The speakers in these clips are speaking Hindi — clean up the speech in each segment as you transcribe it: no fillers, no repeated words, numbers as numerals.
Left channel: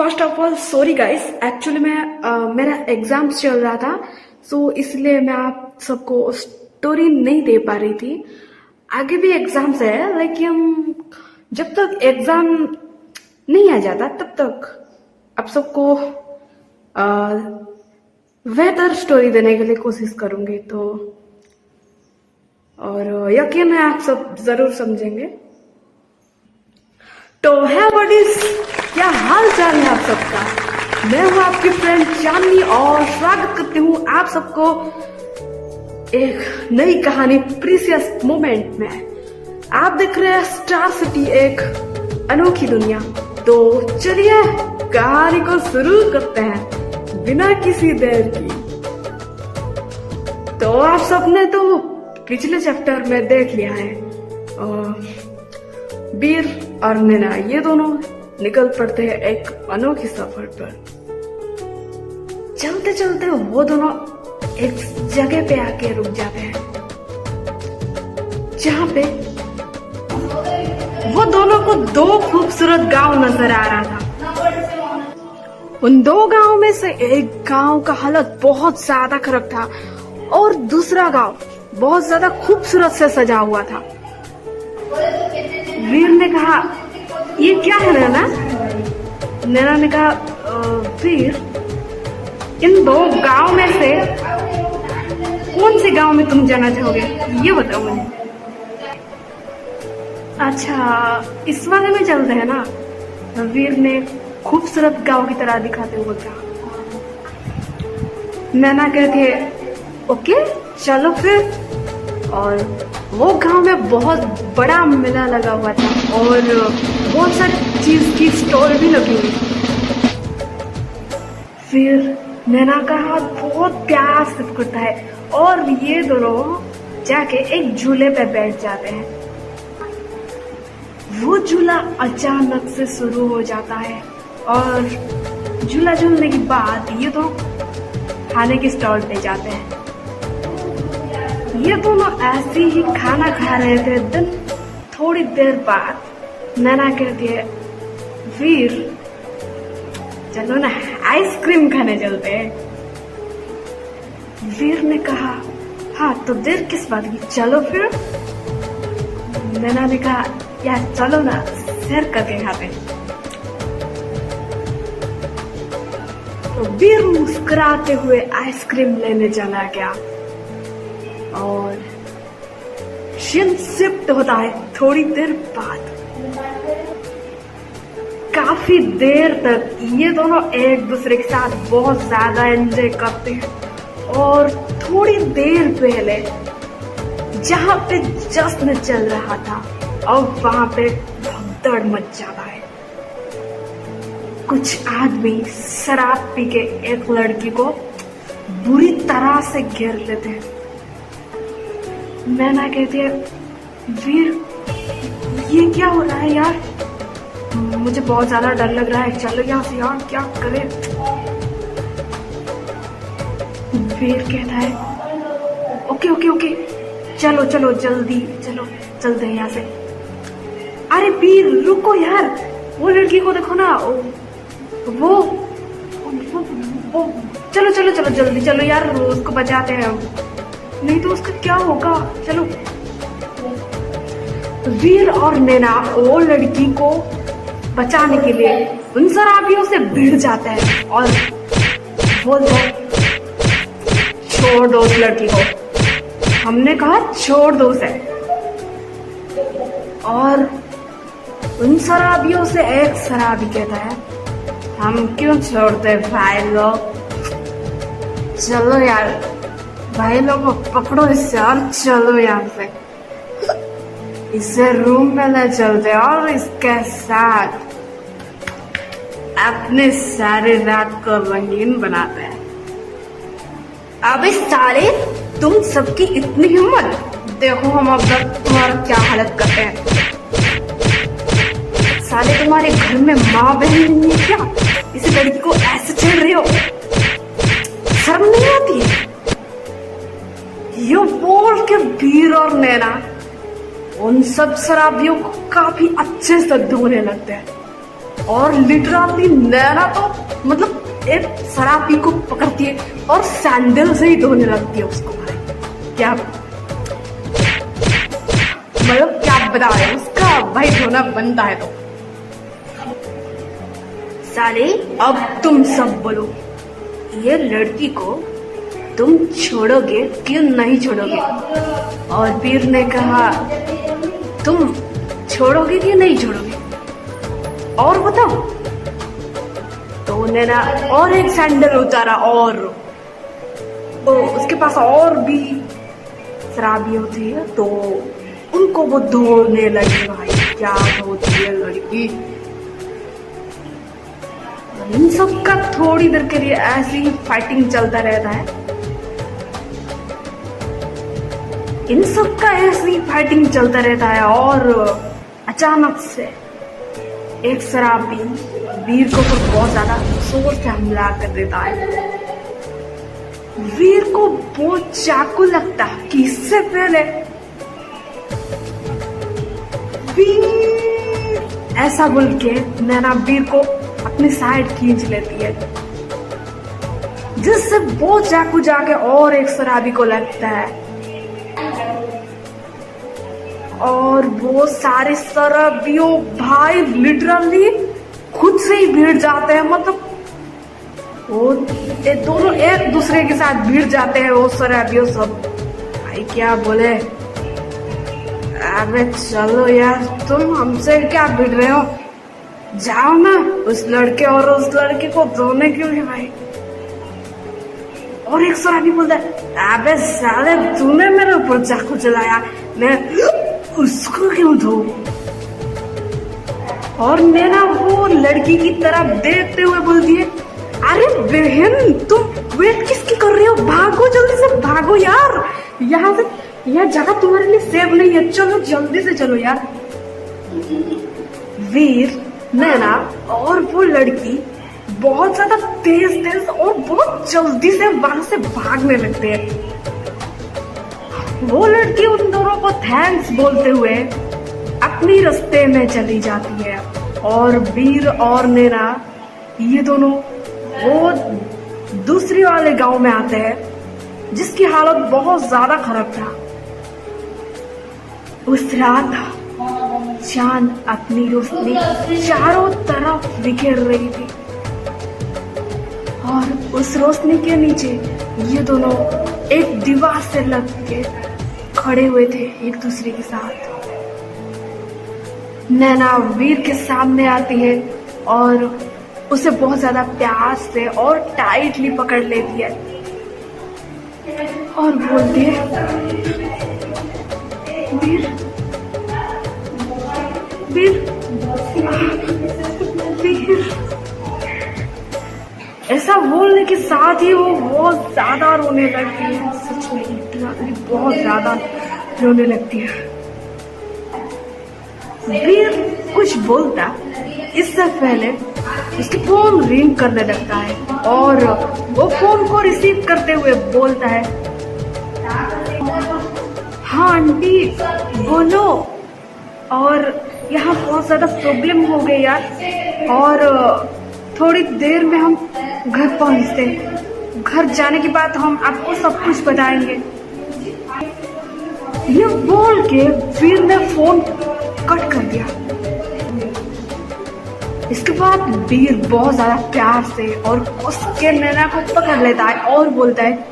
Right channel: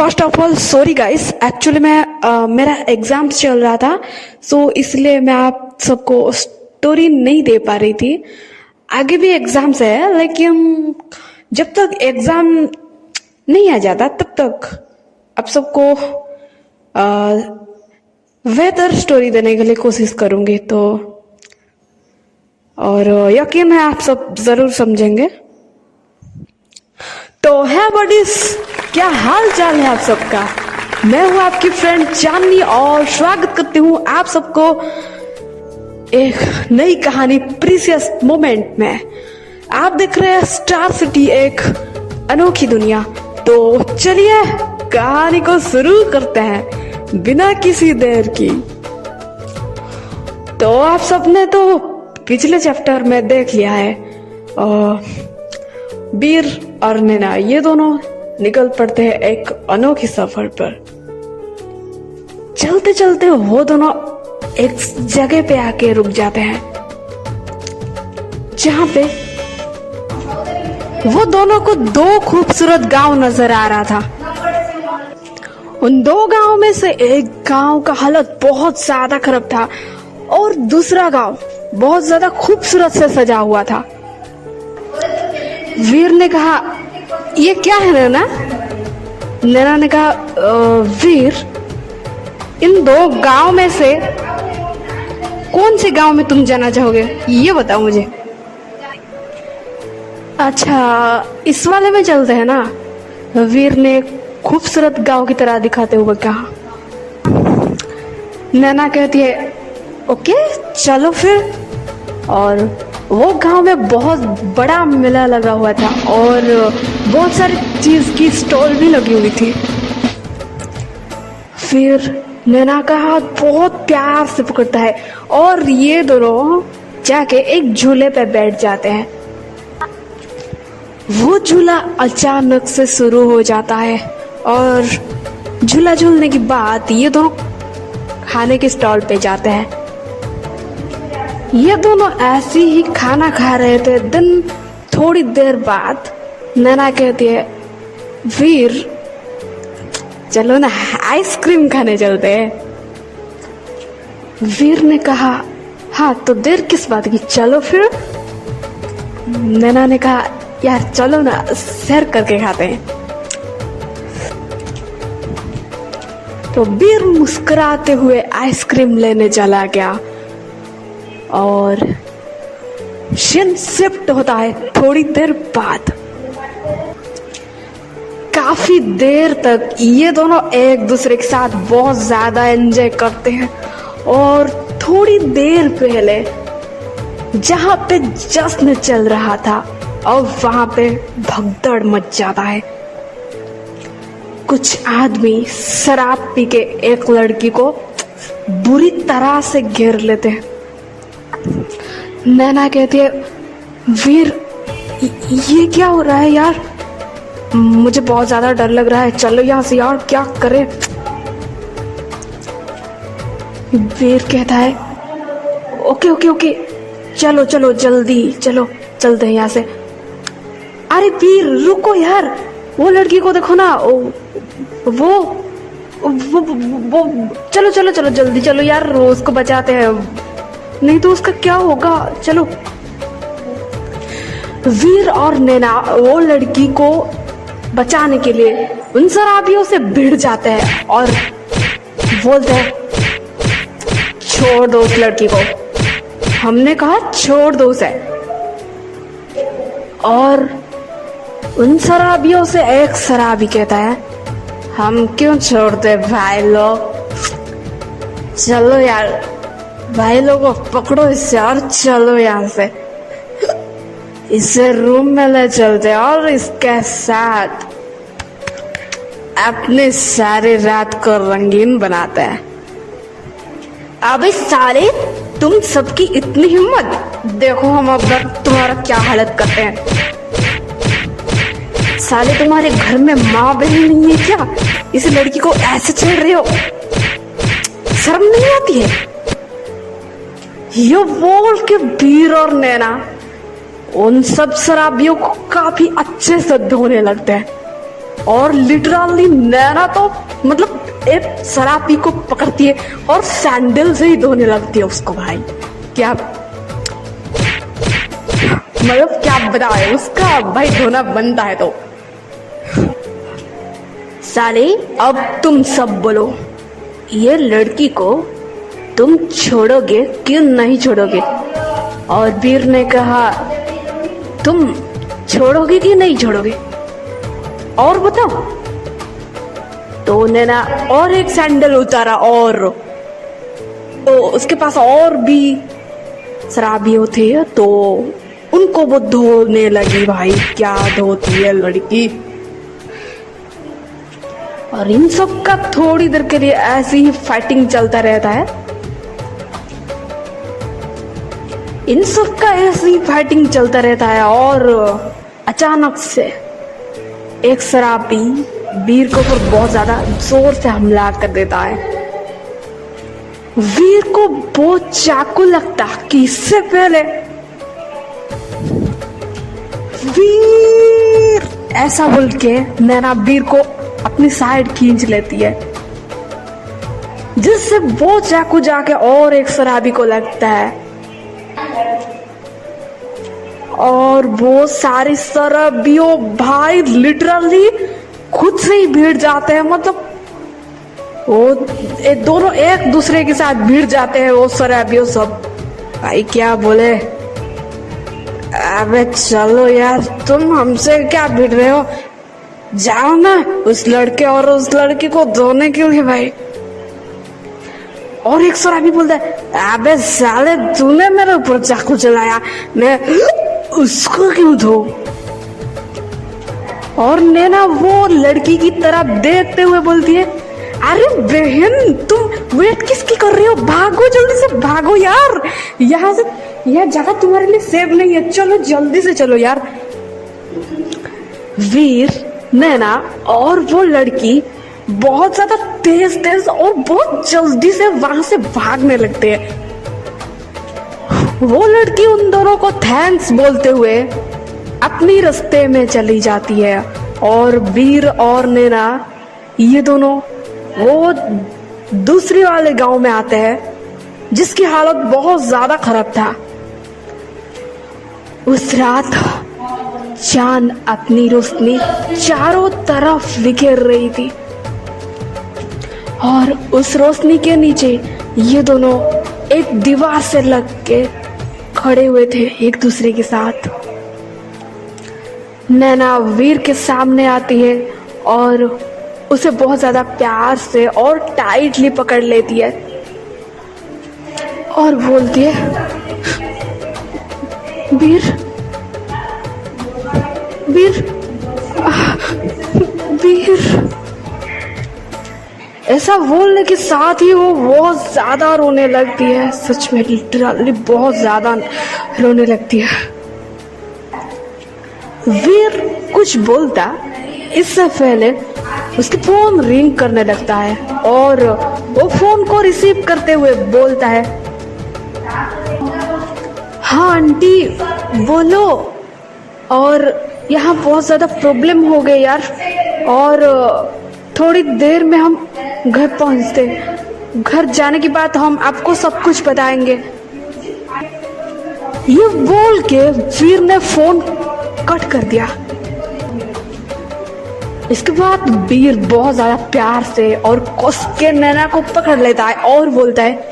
First of all sorry guys, actually मेरा एग्जाम्स चल रहा था, सो इसलिए मैं आप सबको स्टोरी नहीं दे पा रही थी। आगे भी एग्जाम्स है, लेकिन जब तक एग्जाम नहीं आ जाता तब तक आप सबको बेहतर स्टोरी देने के लिए कोशिश करूंगी। तो और यकीन है आप सब जरूर समझेंगे। तो है बडीज, क्या हाल चाल है आप सबका? मैं हूं आपकी फ्रेंड चांदनी और स्वागत करती हूं आप सबको एक नई कहानी प्रीसियस मोमेंट में। आप देख रहे हैं स्टार सिटी, एक अनोखी दुनिया। तो चलिए कहानी को शुरू करते हैं बिना किसी देर की। तो आप सबने तो पिछले चैप्टर में देख लिया है, वीर और नैना ये दोनों निकल पड़ते हैं एक अनोखी सफर पर। चलते चलते वो दोनों एक जगह पे आके रुक जाते हैं जहां पे वो दोनों को दो खूबसूरत गांव नजर आ रहा था। उन दो गांव में से एक गांव का हालत बहुत ज्यादा खराब था और दूसरा गांव बहुत ज्यादा खूबसूरत से सजा हुआ था। वीर ने कहा, ये क्या है नैना? नैना ने कहा, वीर, इन दो गांव में से कौन से गांव में तुम जाना चाहोगे, ये बताओ मुझे। अच्छा, इस वाले में चलते हैं ना, वीर ने खूबसूरत गांव की तरह दिखाते हुए कहा। नैना कहती है, ओके चलो फिर। और वो गांव में बहुत बड़ा मेला लगा हुआ था और बहुत सारी चीज की स्टॉल भी लगी हुई थी। फिर नैना का हाथ बहुत प्यार से पकड़ता है और ये दोनों जाके एक झूले पे बैठ जाते हैं। वो झूला अचानक से शुरू हो जाता है और झूला झूलने के बाद ये दोनों खाने के स्टॉल पे जाते हैं। ये दोनों ऐसे ही खाना खा रहे थे। दिन थोड़ी देर बाद नैना कहती है, वीर चलो ना आइसक्रीम खाने चलते हैं। वीर ने कहा, हाँ तो देर किस बात की, चलो फिर। नैना ने कहा, यार चलो ना सैर करके खाते हैं। तो वीर मुस्कुराते हुए आइसक्रीम लेने चला गया और सीन शिफ्ट होता है थोड़ी देर बाद। काफी देर तक ये दोनों एक दूसरे के साथ बहुत ज्यादा एंजॉय करते हैं और थोड़ी देर पहले जहां पे जश्न चल रहा था और वहां पे भगदड़ मच जाता है। कुछ आदमी शराब पी के एक लड़की को बुरी तरह से घेर लेते हैं। नैना कहती है, वीर ये क्या हो रहा है यार, मुझे बहुत ज्यादा डर लग रहा है, चलो यहाँ से यार, क्या करें। वीर कहता है, ओके ओके ओके चलो चलो जल्दी चलो चलते हैं यहाँ से। अरे वीर रुको यार, वो लड़की को देखो ना, वो चलो चलो चलो जल्दी चलो यार, उसको बचाते हैं, नहीं तो उसका क्या होगा, चलो। वीर और नैना वो लड़की को बचाने के लिए उन शराबियों से भिड़ जाते हैं और वो छोड़ दो उस लड़की को, हमने कहा छोड़ दो उसे। और उन शराबियों से एक शराबी कहता है, हम क्यों छोड़ते भाई लोग, चलो यार भाई लोगों पकड़ो इसे और चलो यहाँ से, इसे रूम में ले चलते और इसके साथ अपनी सारी रात को रंगीन बनाते हैं। अबे साले, तुम सबकी इतनी हिम्मत, देखो हम अब तुम्हारा क्या हालत करते हैं। साले तुम्हारे घर में माँ बहन नहीं है क्या, इस लड़की को ऐसे छेड़ रहे हो, शर्म नहीं आती है? ये बोल के वीर और नैना उन सब शराबियों को काफी अच्छे से धोने लगते हैं। और लिटरली नैना तो मतलब एक शराबी को पकड़ती है और सैंडल से ही धोने लगती है उसको। भाई क्या मतलब क्या बताए उसका, भाई धोना बनता है तो। साले अब तुम सब बोलो, ये लड़की को तुम छोड़ोगे कि नहीं छोड़ोगे? और वीर ने कहा तुम छोड़ोगे कि नहीं छोड़ोगे और बताओ। तो नैना और एक सैंडल उतारा और तो उसके पास और भी शराबियों थे तो उनको वो धोने लगी। भाई क्या धोती है लड़की। और इन सब का थोड़ी देर के लिए ऐसे ही फाइटिंग चलता रहता है। इन सब का ऐसे ही फाइटिंग चलता रहता है और अचानक से एक शराबी वीर को फिर बहुत ज्यादा जोर से हमला कर देता है। वीर को बहुत चाकू लगता कि इससे पहले वीर ऐसा बोल के नैना वीर को अपनी साइड खींच लेती है, जिससे वो चाकू जाके और एक शराबी को लगता है और वो सारे शराबियों भाई लिटरली खुद से ही भिड़ जाते हैं। मतलब वो दोनों एक दूसरे के साथ भिड़ जाते हैं वो शराबियों सब। भाई क्या बोले, अबे चलो यार तुम हमसे क्या भिड़ रहे हो, जाओ ना उस लड़के और उस लड़की को धोने के लिए। भाई और एक शराबी बोलता है अबे साले तूने मेरे ऊपर चाकू चलाया, मैं उसको क्यों धो। और नैना वो लड़की की तरफ देखते हुए बोलती है अरे बहन तुम वेट किसकी कर रही हो, भागो जल्दी से भागो यार, यहाँ से यह जगह तुम्हारे लिए सेफ नहीं है, चलो जल्दी से चलो यार। वीर नैना और वो लड़की बहुत ज्यादा तेज और बहुत जल्दी से वहां से भागने लगते हैं। वो लड़की उन दोनों को थैंक्स बोलते हुए अपनी रास्ते में चली जाती है और वीर और नैना ये दोनों वो दूसरी वाले गांव में आते हैं जिसकी हालत बहुत ज्यादा खराब था। उस रात चांद अपनी रोशनी चारों तरफ बिखेर रही थी और उस रोशनी के नीचे ये दोनों एक दीवार से लग के खड़े हुए थे एक दूसरे के साथ। नैना वीर के सामने आती है और उसे बहुत ज्यादा प्यार से और टाइटली पकड़ लेती है और बोलती है वीर वीर वीर। ऐसा बोलने के साथ ही वो बहुत ज्यादा रोने लगती है, सच में लिटरली बहुत ज्यादा रोने लगती है। वीर कुछ बोलता इससे पहले उसकी फोन रिंग करने लगता है और वो फोन को रिसीव करते हुए बोलता है हाँ आंटी बोलो। और यहाँ बहुत ज्यादा प्रॉब्लम हो गई यार और थोड़ी देर में हम घर पहुंचते हैं, घर जाने के बाद हम आपको सब कुछ बताएंगे। ये बोल के वीर ने फोन कट कर दिया। इसके बाद वीर बहुत ज्यादा प्यार से और कस के नैना को पकड़ लेता है और बोलता है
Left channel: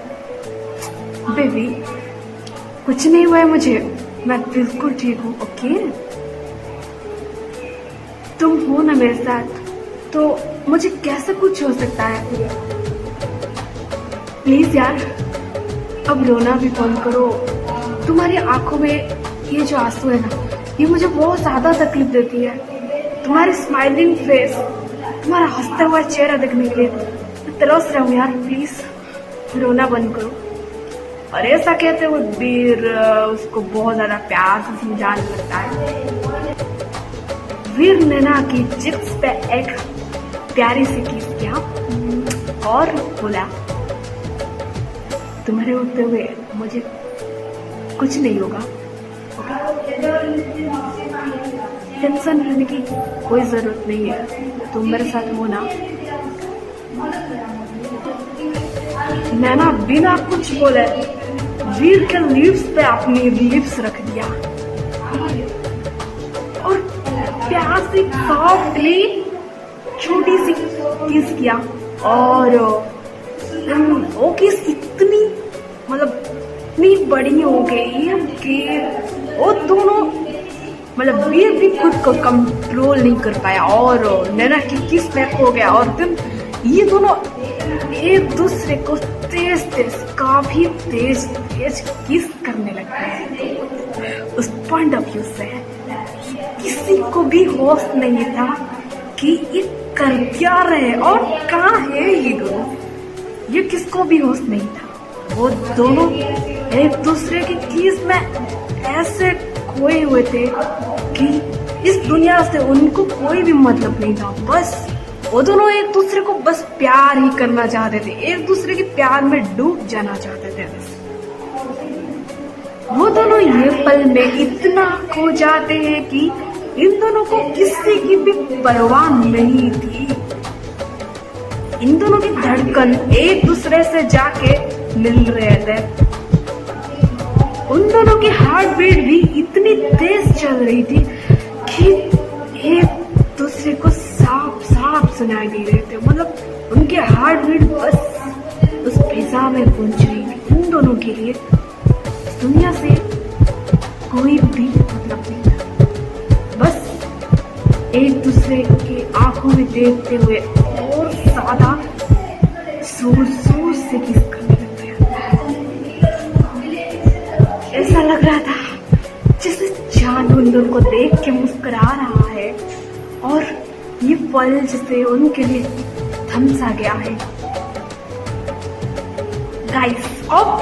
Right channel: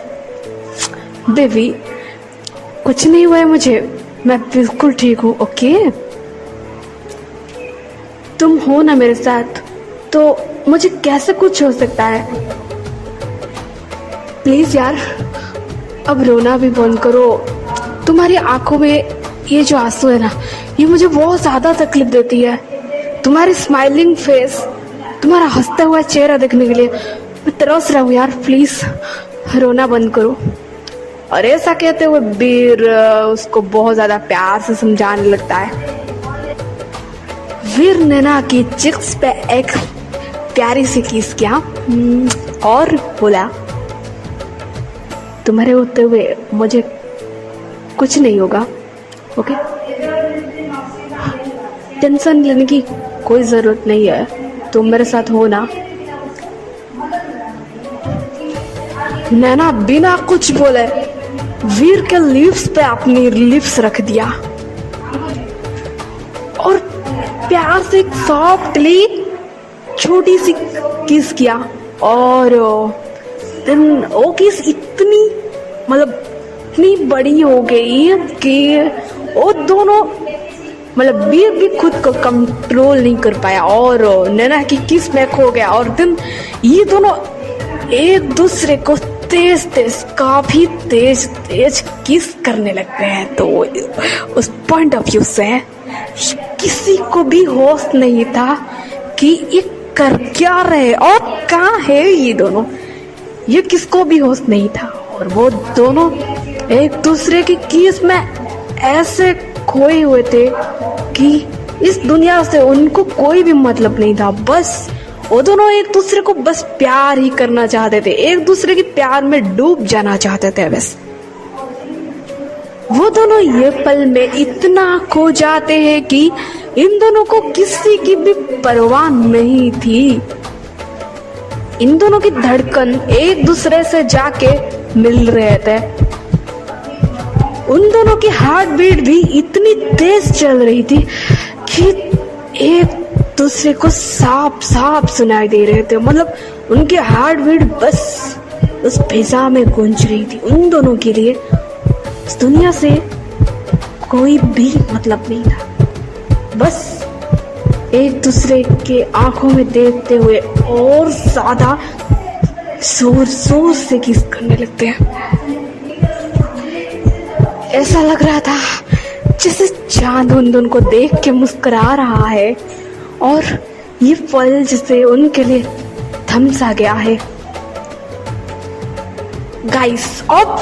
बेबी कुछ नहीं हुआ है मुझे, मैं बिल्कुल ठीक हूँ। ओके तुम हो ना मेरे साथ तो मुझे कैसे कुछ हो सकता है। प्लीज यार अब रोना भी बंद करो, तुम्हारी आंखों में ये जो आंसू है ना ये मुझे बहुत ज्यादा तकलीफ देती है। तुम्हारी स्माइलिंग फेस, तुम्हारा हंसता हुआ चेहरा देखने के लिए मैं तरस रहा हूँ यार, प्लीज रोना बंद करो। और ऐसा कहते हुए वीर उसको बहुत ज्यादा प्यार से समझाने लगता है। वीर नैना की चिक्स पे एक प्यारी सी किस किया और बोला तुम्हारे होते हुए मुझे कुछ नहीं होगा, ओके टेंशन लेने की कोई जरूरत नहीं है। तुम मेरे साथ हो ना। नैना बिना कुछ बोले वीर के लिप्स पे अपनी लिप्स रख दिया और प्यार से सॉफ्टली छोटी सी किस किया। और देन वो किस इतनी मतलब इतनी बड़ी हो गई कि वो दोनों मतलब वीर भी खुद को कंट्रोल नहीं कर पाया और नैना की किस में खो गया। और देन ये दोनों एक दूसरे को तेज तेज काफी तेज तेज किस करने लगते हैं। तो उस पॉइंट ऑफ व्यू से किसी को भी होश नहीं था कि ये कर क्या रहे और कहाँ है ये दोनों, ये किसको भी होश नहीं था। और वो दोनों एक दूसरे की किस में ऐसे खोए हुए थे कि इस दुनिया से उनको कोई भी मतलब नहीं था। बस वो दोनों एक दूसरे को बस प्यार ही करना चाहते थे, एक दूसरे के प्यार में डूब जाना चाहते थे। बस वो दोनों ये पल में इतना खो जाते हैं कि इन दोनों को किसी की भी परवाह नहीं थी। इन दोनों की धड़कन एक दूसरे से जाके मिल रहे थे। उन दोनों की हार्ट बीट भी इतनी तेज चल रही थी कि एक दूसरे को साफ साफ सुनाई दे रहे थे। मतलब उनके हार्ट बीट बस उस फिजा में गूंज रही थी। उन दोनों के लिए इस दुनिया से कोई भी मतलब नहीं था, बस एक दूसरे के आंखों में देखते हुए और ज्यादा जोर जोर से किस करने लगते हैं। ऐसा लग रहा था जैसे चांद उन को देख के मुस्कुरा रहा है और ये पल जैसे उनके लिए थम सा गया है। गाइस अब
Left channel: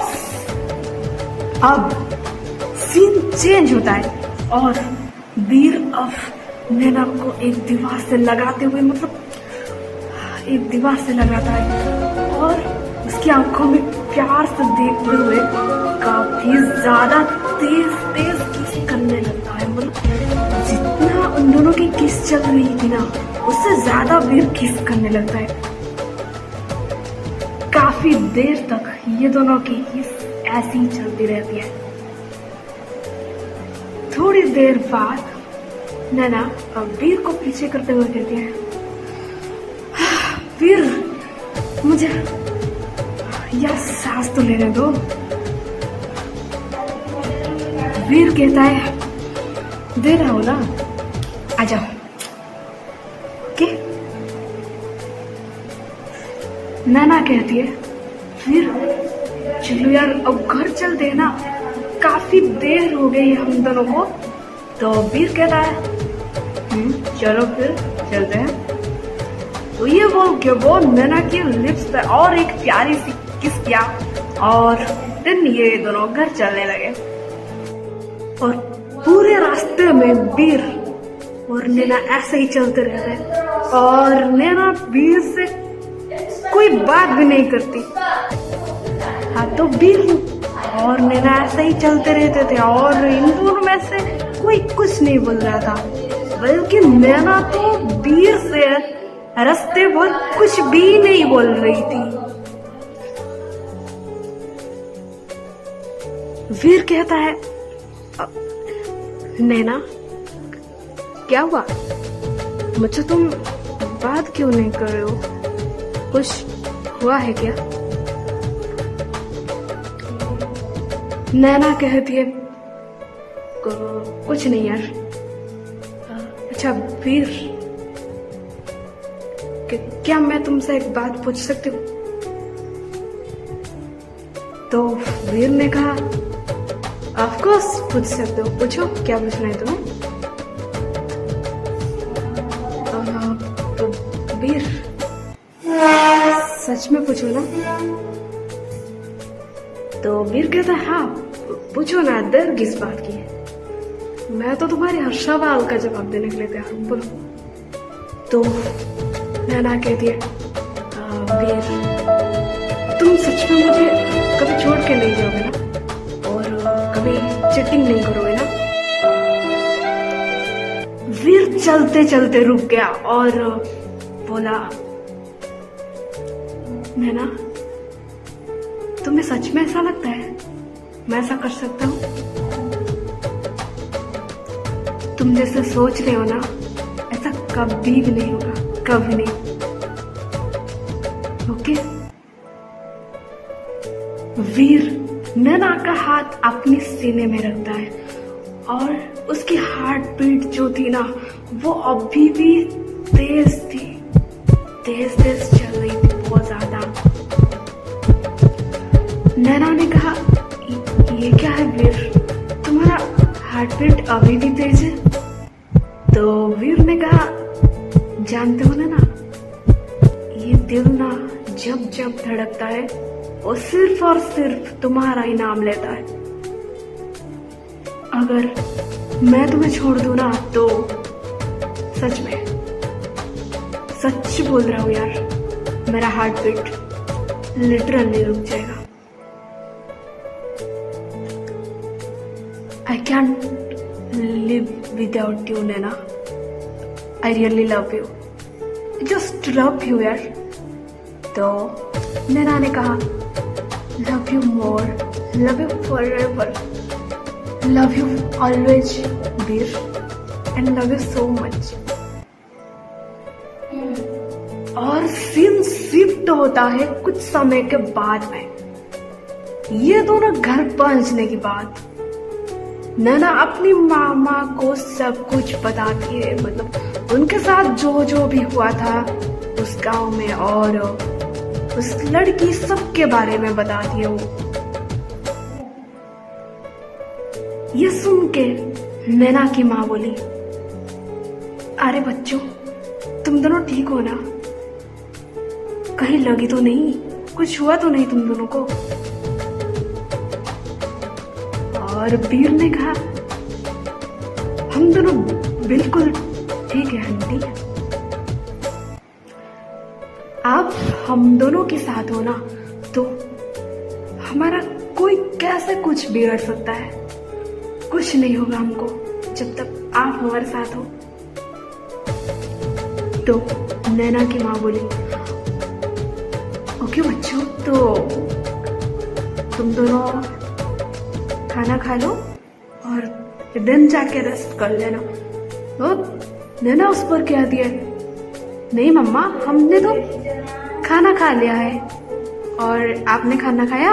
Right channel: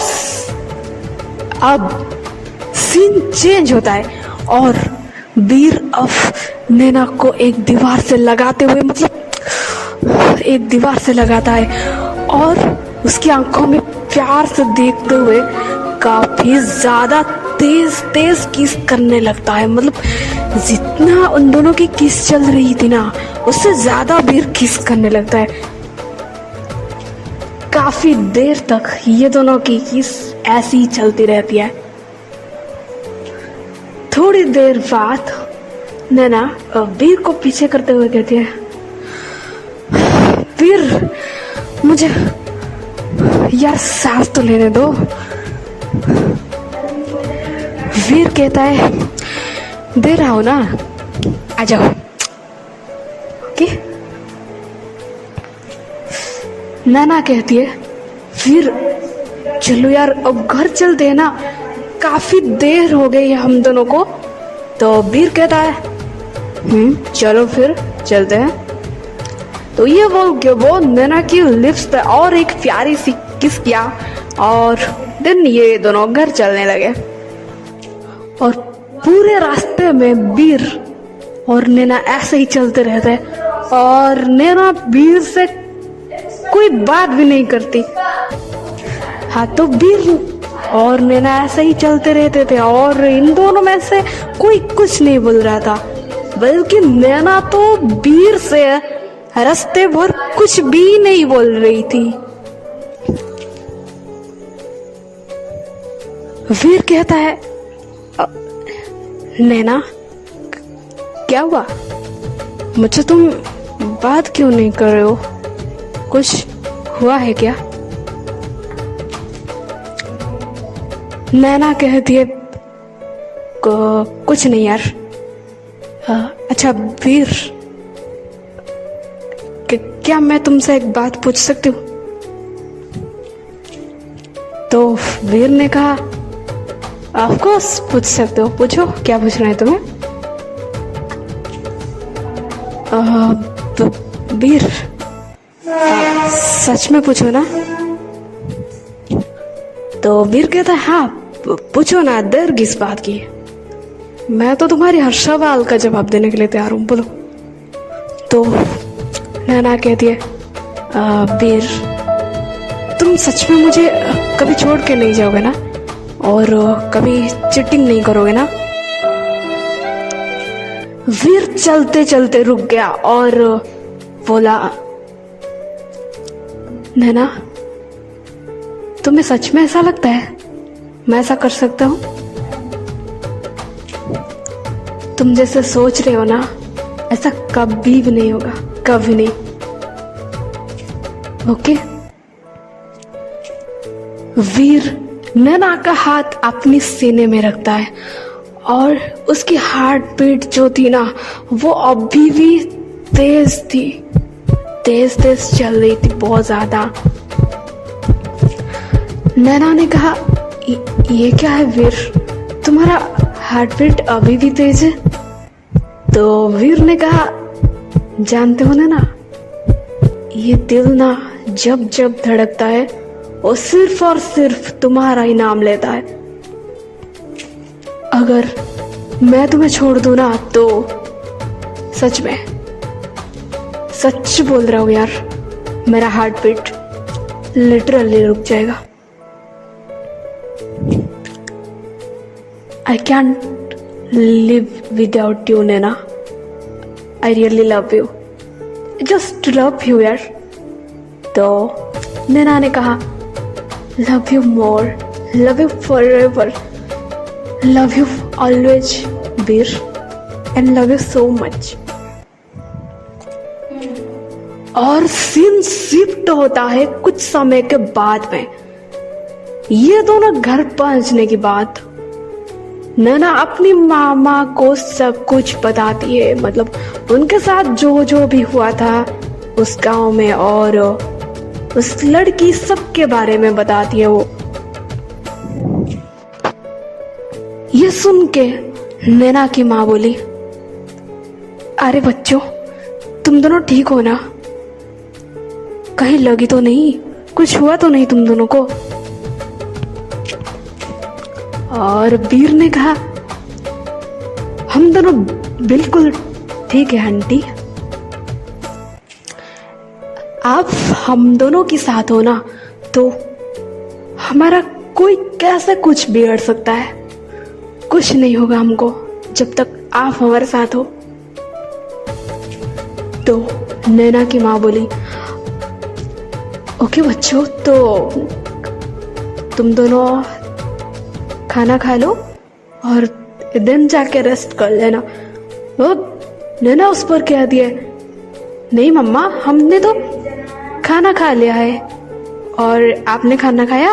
सीन चेंज होता है और वीर अब नैना को एक दीवार से लगाते हुए मतलब एक दीवार से लगाता है और उसकी आंखों में प्यार से देखते हुए काफी ज्यादा तेज तेज किस करने लगता है। मतलब जितना उन दोनों की किस चल रही थी ना, उससे ज्यादा वीर किस करने लगता है। काफी देर तक ये दोनों की किस ऐसी ही चलती रहती है। थोड़ी देर बाद नैना वीर को पीछे करते हुए कहती है, वीर मुझे यार सांस तो लेने दो। वीर कहता है, दे रहा हो ना, आ जाओ। ओके। नैना कहती है, वीर चलो यार अब घर चलते हैं ना, काफी देर हो गई है हम दोनों को। तो वीर कहता है, चलो फिर चलते हैं। तो ये वो नैना की लिप्स पे और एक प्यारी सी किस किया और देन ये दोनों घर चलने लगे। और पूरे रास्ते में वीर और नैना ऐसे ही चलते रहते हैं और नैना वीर से कोई बात भी नहीं करती। हाँ, तो वीर और नैना ऐसे ही चलते रहते थे और इन दोनों में से कोई कुछ नहीं बोल रहा था, बल्कि नैना तो वीर से रास्ते भर कुछ भी नहीं बोल रही थी। वीर कहता है, नैना क्या हुआ, मुझे तुम बात क्यों नहीं कर रहे हो, कुछ हुआ है क्या? नैना कहती है, कुछ नहीं यार। अच्छा वीर, क्या मैं तुमसे एक बात पूछ सकती हूँ? तो वीर ने कहा, ऑफ कोर्स पूछ सकते हो, पूछो क्या पूछना है तुम्हें। तो वीर सच में पूछो ना। तो वीर कहता है, हाँ पूछो ना, देर किस बात की है, मैं तो तुम्हारी हर सवाल का जवाब देने के लिए तैयार हूँ, बोलो। तो नैना कहती है, वीर तुम सच में मुझे कभी छोड़ के नहीं जाओगे ना, और कभी चीटिंग नहीं करोगे ना? वीर चलते चलते रुक गया और बोला, नैना तुम्हें सच में ऐसा लगता है मैं ऐसा कर सकता हूँ? तुम जैसे सोच रहे हो ना, ऐसा कभी भी नहीं होगा, कभी नहीं। ओके? वीर नैना का हाथ अपनी सीने में रखता है और उसकी हार्ट बीट जो थी ना, वो अभी भी तेज थी, तेज तेज चल रही थी, बहुत ज्यादा। नैना ने कहा, ये क्या है वीर, तुम्हारा हार्ट बीट अभी भी तेज है? तो वीर ने कहा, जानते हो ना, ये दिल ना जब जब धड़कता है वो सिर्फ और सिर्फ तुम्हारा ही नाम लेता है। अगर मैं तुम्हें छोड़ दूं ना, तो सच में सच बोल रहा हूं यार, मेरा हार्ट बीट लिटरली रुक जाएगा। I can't live without you, Naina. I really love you. Just love you, यार। तो नैना ने कहा, love you more, love you forever, love you always, Veer, and love you so much. और सीन शिफ्ट होता है कुछ समय के बाद में। ये दोनों घर पहुंचने के बाद नैना अपनी मामा को सब कुछ बताती है, मतलब उनके साथ जो जो भी हुआ था उस गांव में, और उस लड़की सबके बारे में बताती है वो। ये सुन के नैना की माँ बोली, अरे बच्चों, तुम दोनों ठीक हो ना? कहीं लगी तो नहीं? कुछ हुआ तो नहीं तुम दोनों को? और वीर ने कहा, हम दोनों बिल्कुल ठीक है आंटी। आप हम दोनों के साथ हो ना, तो हमारा कोई कैसे कुछ बिगड़ सकता है? कुछ नहीं होगा हमको जब तक आप हमारे साथ हो। तो नैना की माँ बोली, ओके बच्चों, तो तुम दोनों खाना खा लो और दिन जाके रेस्ट कर लेना। वो नैना उस पर कह दिया, नहीं मम्मा, हमने तो खाना खा लिया है, और आपने खाना खाया?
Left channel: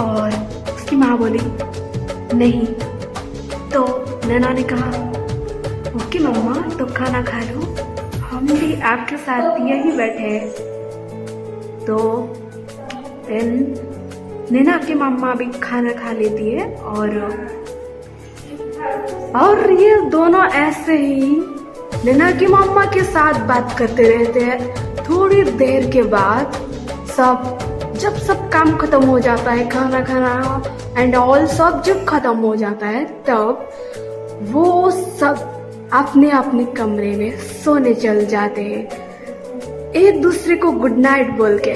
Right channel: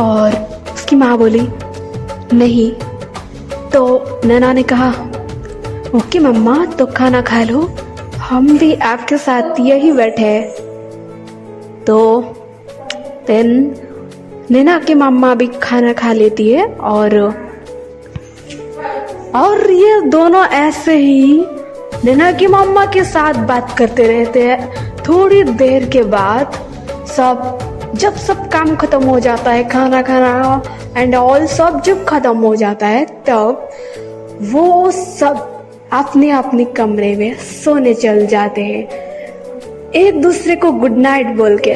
और उसकी माँ बोली, नहीं। तो नैना ने कहा, ओके मम्मा, तो खाना खा लो, हम भी आपके साथ यही बैठे हैं। तो देन नैना की मम्मा भी खाना खा लेती है, और ये दोनों ऐसे ही नैना की मम्मा के साथ बात करते रहते हैं। थोड़ी देर के बाद जब सब काम खत्म हो जाता है, खाना खाना एंड ऑल सब जब खत्म हो जाता है, तब वो सब अपने अपने कमरे में सोने चल जाते हैं, एक दूसरे को गुड नाइट बोल के।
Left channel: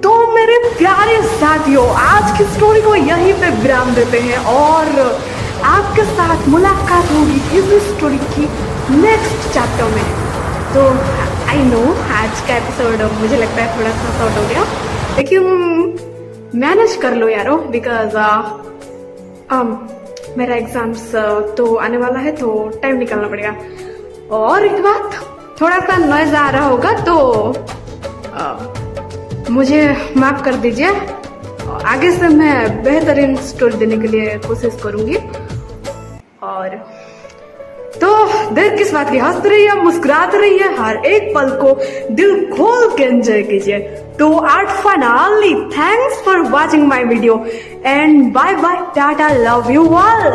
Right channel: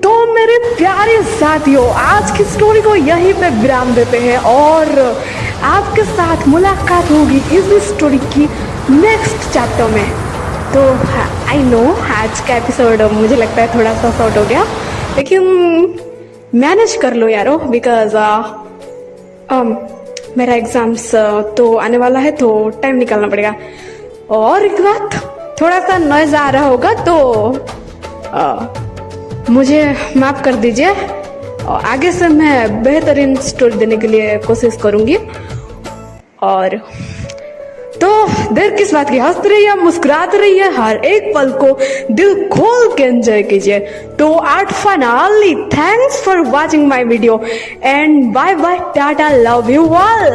तो मेरे प्यारे साथियों, आज की स्टोरी को यहीं पे विराम देते हैं, और आपके साथ मुलाकात होगी इस स्टोरी की नेक्स्ट चैप्टर में। तो आई नो आज का एपिसोड मुझे लगता है थोड़ा सा शॉर्ट हो गया, लेकिन मैनेज कर लो यारो, बिकॉज मेरा एग्जाम्स तो आने वाला है, तो टाइम निकालना पड़ेगा। और एक बात, थोड़ा सा नॉइज आ रहा होगा तो मुझे माफ कर दीजिए, आगे से मैं बेहतरीन स्टोरी देने के लिए कोशिश करूंगी। और तो देर किस बात की, हंसते रहिए, मुस्कुराते रहिए, हर एक पल को दिल खोल के एंजॉय कीजिए। तो out finally, thanks for watching my video and bye bye, tata, love you all.